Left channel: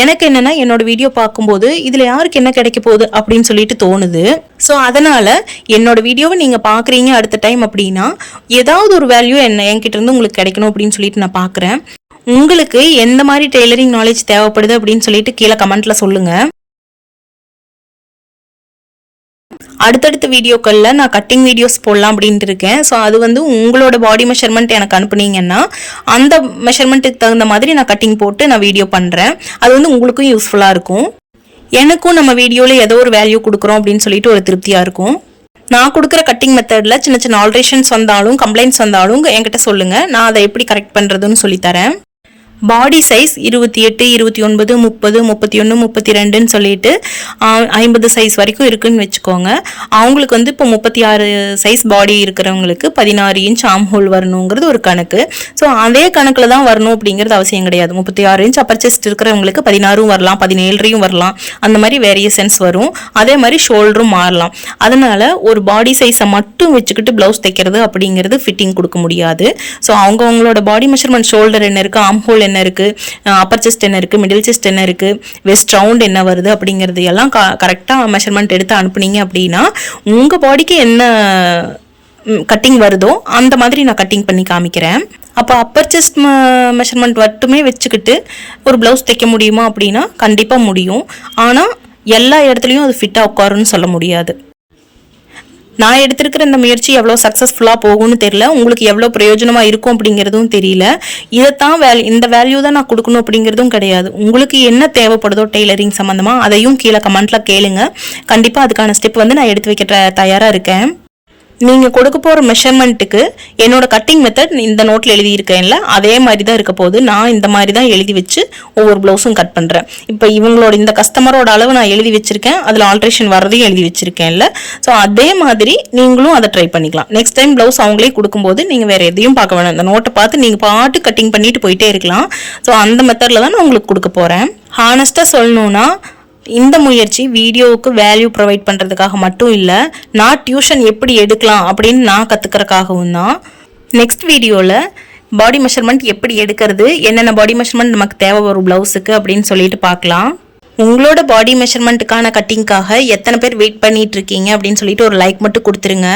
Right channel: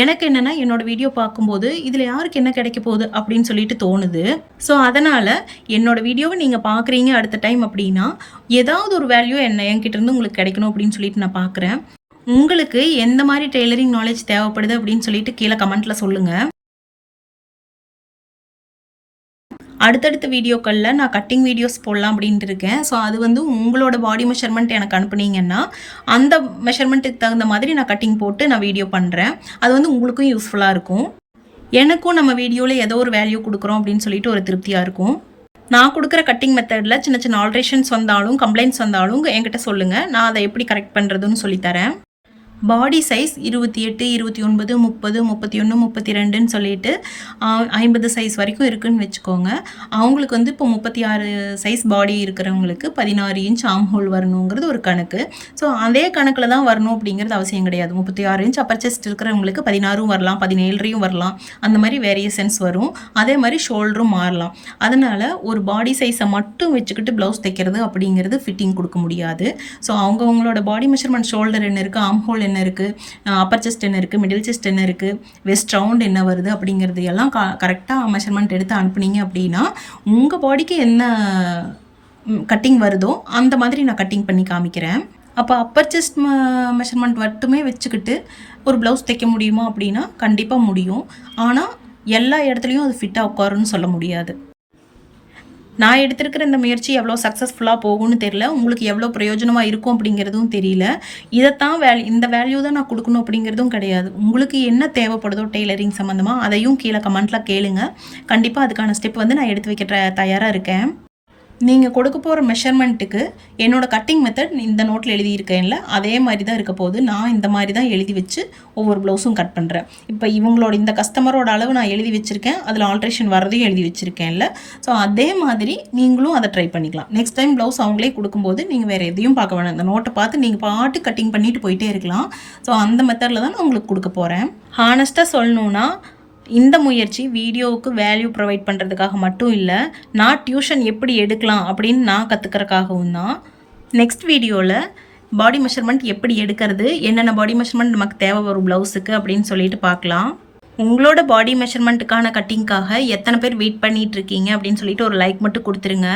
எனக்கு என்னன்னா என்னோட வீடியோ பார்க்கும்போது இதில் யாருக்கு என்ன கிடைக்க போகுது அப்படின்னு சொல்லிட்டு தோணுது. ஸோ அதனால் என்னோட வீடியோவை நீங்கள் பார்க்குறீங்க அடுத்த டைம் அப்படின்னா ஏதாவது ஒரு வேல்யூ என்ன என்கிட்ட இருந்து உங்களுக்கு கிடைக்கணும் அப்படின்னு சொல்லிட்டு நான் பார்க்குறேன். உங்களுக்கு எந்த மாதிரி டெய்லரிங் நாலேஜ் தேவைப்படுது அப்படின்னு சொல்லிட்டு கீழே கமெண்ட்ல சொல்லுங்க. அடுத்தடுத்த வீடியோக்களில் நான் கட்டிங் வீடியோஸ் போடலாம் அப்படின்ட்டு இருக்கேன். ஸோ அது வந்து உங்களோட பாடி மெஷர்மெண்ட் எனக்கு அனுப்புனீங்கன்னா அந்த மெஷர்மெண்ட்டுக்கு தகுந்த மாதிரி நான் கட்டிங் போட்டு நான் வீடியோ பண்ணுறேன் அது வந்து உங்களுக்கும் யூஸ்ஃபுல்லாக இருக்கும். எனக்கும் நம்ம வீடியோவில் ஏதோ ஒரு வேல்யூ கொடுக்குறோம் அப்படின்னு சொல்லிட்டு ஒரு திருப்தியாக இருக்கும். நான் கொடுக்குற கட்டிங் மெத்தடில் சின்ன சின்ன ஆல்ட்ரேஷன்ஸ் வந்தாலும் கம்ப்ளைண்ட்ஸ் வந்தாலும் என்கிட்ட சொல்லுங்கள் நான் அதை எப்படி கரெக்ட் பண்ணுறதுன்னு சொல்லித்தரேன் பாடி சைஸ் இருபத்தி எட்டு இருபத்தி ஒன்பது முப்பது முப்பத்தி ஒன்று முப்பத்தி ரெண்டுன்னு சொல்லிட்டு ஐம்பது சைஸ் வரைக்கும் இருக்குன்னு வச்சுக்கோங்க. அவங்களுக்கு வந்து இப்போ முப்பத்தி ஆறு சைஸ் பாடி இருக்கிறவங்களுக்கு பதினாறு இன்ச் ஆம் ஹோல் வரணுங்கிறது ஒரு கணக்கு. ஸோ அதே கணக்கில் தான் வரணும் அப்படிங்கிறது அவசியம் கிடையாது. முப்பத்தி ஆறு இன்ச் அப்பர் செஸ்ட் இருக்கிறவங்களுக்கு பதினாறும் வரலாம் பதினேழரையும் வரலாம். அந்த மாதிரி வேரியேஷன்ஸ் வரும். அதே மாதிரி ஷோல்டரும் மாறலாம். அதனால் ஒரு பாடி சைஸை மட்டும் வச்சுக்கிட்டு ப்ளவுஸ் தைக்கிறது அப்படிங்கிறது ஃபிட்டிங் கொடுக்க முடியாது. ஸோ அவங்கவுங்களோட பாடி மெஷர்மெண்ட் ஷோல்டர் என்ன இருக்குது ஆம் ஹோல் என்ன இருக்குது அப்பர் செஸ்ட் என்ன இருக்குது மிடில் செஸ்ட் என்ன இருக்குது வெஸ்ட் ரவுண்ட் என்ன வருது? அப்படிங்கிறது எல்லாம் க கரெக்டாக மெஷர்மெண்ட் எடுத்து அனுப்புனீங்க அப்படின்னா உங்கள் பாடிக்கு என்ன கட்டிங் வருதோ அந்த மாதிரி நான் கட்டிங் பண்ணி காமிக்கிறேன். அப்போ அப்பர் செஸ்ட் மெஷர்மெண்ட் மட்டுமே வச்சுக்கிட்டு ஒரு ப்ளவுஸ் தைக்க முடியுமா அப்படின்னா கண்டிப்பாக முடியும். ஆனால் எல்லா இடத்துலையும் அது ஃபிட்டாக உட்காருன்னு சொல்ல முடியாது. நான் எடுத்திருக்கிற இந்த முயற்சி எவ்வளோ சக்ஸஸ்ஃபுல்லாக போகும்னு தெரியல. உங்களுக்கு எவ்வளோ பிரயோஜனமாக இருக்கும் அப்படிங்கிறதும் தெரியல. இதைத்தான் வேல்யூ இந்த வேல்யூ தான் நான் கொடுக்கணும் அப்படிங்கிறதும் கிடையாது. உங்களுக்கு என்ன தேவைப்படுதோ டெய்லரிங் சம்மந்தமாக அதையும் கீழே கமெண்ட்டில் கேளுங்க. கண்டிப்பாக அதுக்கான ஸ்டெப் வந்து நான் எடுத்து வைக்க தயாராக இருக்கேன். நீங்கள் கொடுக்க போகிற மெஷர்மெண்ட்டுக்கு என்னோட கட்டிங் மெத்தட் இந்த நோட்டில் எழுதியிருக்கேன்ல அதே மாதிரி தான் இருக்க போகுது. நான் இந்த மாதிரி தான் எழுதி வச்சு ஒவ்வொரு ப்ளவுஸும் கட் பண்ணுறேன் இப்போ இவங்களோட இந்த கஸ்டமரோட அளவு நான் எழுதி வச்சுருக்கேன். அதில் ஆல்ட்ரேஷன் வர்றதையும் எழுதி வச்சுருக்கேன்ல. ஸோ அதே மாதிரி நீங்களும் அதை ட்ரை பண்ணிக்கலாம். நெக்ஸ்ட் டைம் ப்ளவுஸ் அவங்களே கொடுக்கும்போது நீங்கள் வேறு எதையும் பார்க்க வேணாம். இந்த நோட்டை பார்த்து நீங்கள் பாட்டு கட்டிங் பண்ணிட்டு போயிட்டே இருக்கலாம். ஸோ அந்த மெத்தடில் தான் நான் உங்களுக்கு கொடுக்க போகிறேன் ஹானஸ்ட்டாக சொல்லணுன்னா இந்த முயற்சி வீடியோவுக்கு வேல்யூ ப்ரொவைட் பண்ணுறதுக்காக மட்டும் இல்லை நான் டியூஷன் எப்படி எடுக்கலாம் அப்படின்னு நான் கற்றுக்கிறக்காகவும் தான். நெக்ஸ்ட் வீடியோவில் பாடி மெஷர்மெண்ட் எப்படி எடுக்கிறது என்னென்ன பாடி மெஷர்மெண்ட் நமக்கு தேவை வரும் ப்ளவுஸுக்கு அப்படின்னு சொல்லிட்டு பார்க்கலாம். உங்களோட பாடி மெஷர்மெண்ட்டுக்கான கட்டிங்க்காக எத்தனை பேர் வெயிட் பண்ணிட்டு இருக்கீங்க அப்படின்னு சொல்லிட்டு ஒரு லைக் மட்டும் கொடுத்துருங்க.